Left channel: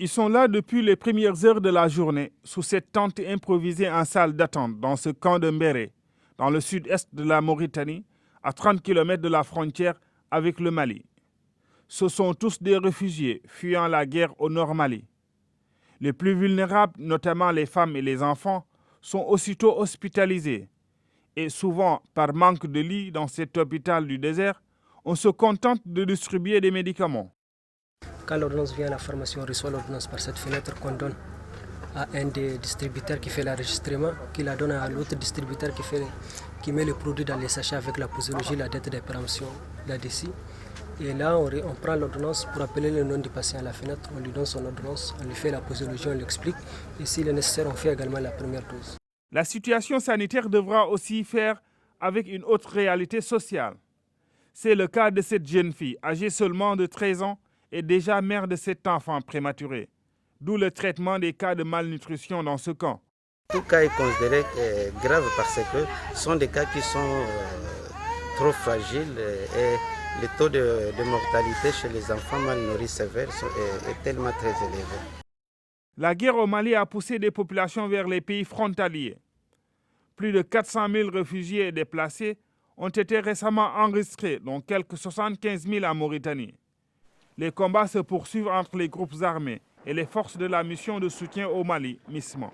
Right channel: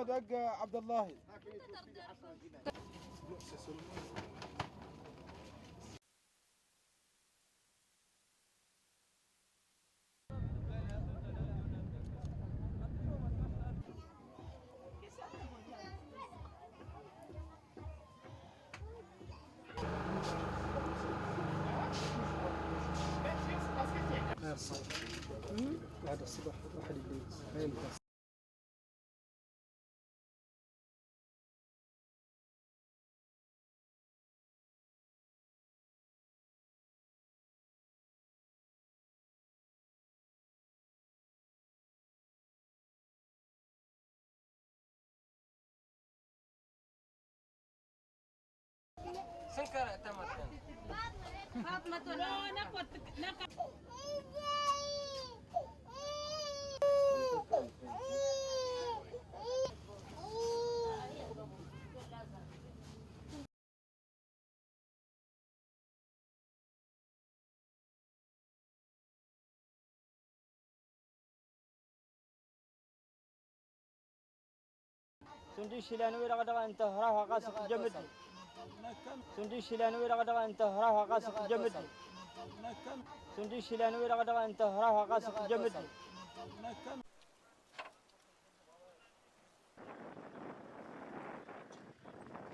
Ils sont là depuis les premières heures de la journée, sous cette tente improvisée en salle d'attente dans ce camp de Mbéré, dans le sud-est de la Mauritanie, à 30 km de la frontière avec le Mali. Ce sont tous des réfugiés fuyant la guerre au nord Mali. Les plus vulnérables, notamment les femmes et les enfants, sont aussitôt hospitalisés. Et souvent, par manque de lits dans cet hôpital du désert, on se contente de distribuer des médicaments. Quand l'ordonnance vient à la pharmacie, on reçoit l'ordonnance par cette fenêtre qu'on donne à un des distributeurs qui fait l'enregistrement, qui la donne à l'autre distributeur qui met le produit dans les sachets avec la posologie, la date de péremption là-dessus. Et là, on prend l'ordonnance pour appeler le nom du patient à la fenêtre, on lui donne son ordonnance, on lui fait la posologie, on l'explique. Et s'il est nécessaire, on fait également la première dose. La situation sanitaire devra aussi faire avec une autre réalité sociale. C'est le cas de cette jeune fille, âgée seulement de 13 ans et déjà mère de 7 enfants prématurés. D'où le traitement des cas de malnutrition dans ce camp. Tout cas est considéré grave parce que ce sont des cas qui sont trop fragiles et le taux de mortalité chez les enfants mal nourris sévères est tellement très élevé. La guerre au Mali a poussé des populations vers les pays frontaliers. Plus de 400 000 réfugiés et déplacés ont été récemment enregistrés, dont quelques 75 000 en Mauritanie. Les combats se poursuivent entre les groupes armés et les forces de la mission de soutien au Mali, MISMA.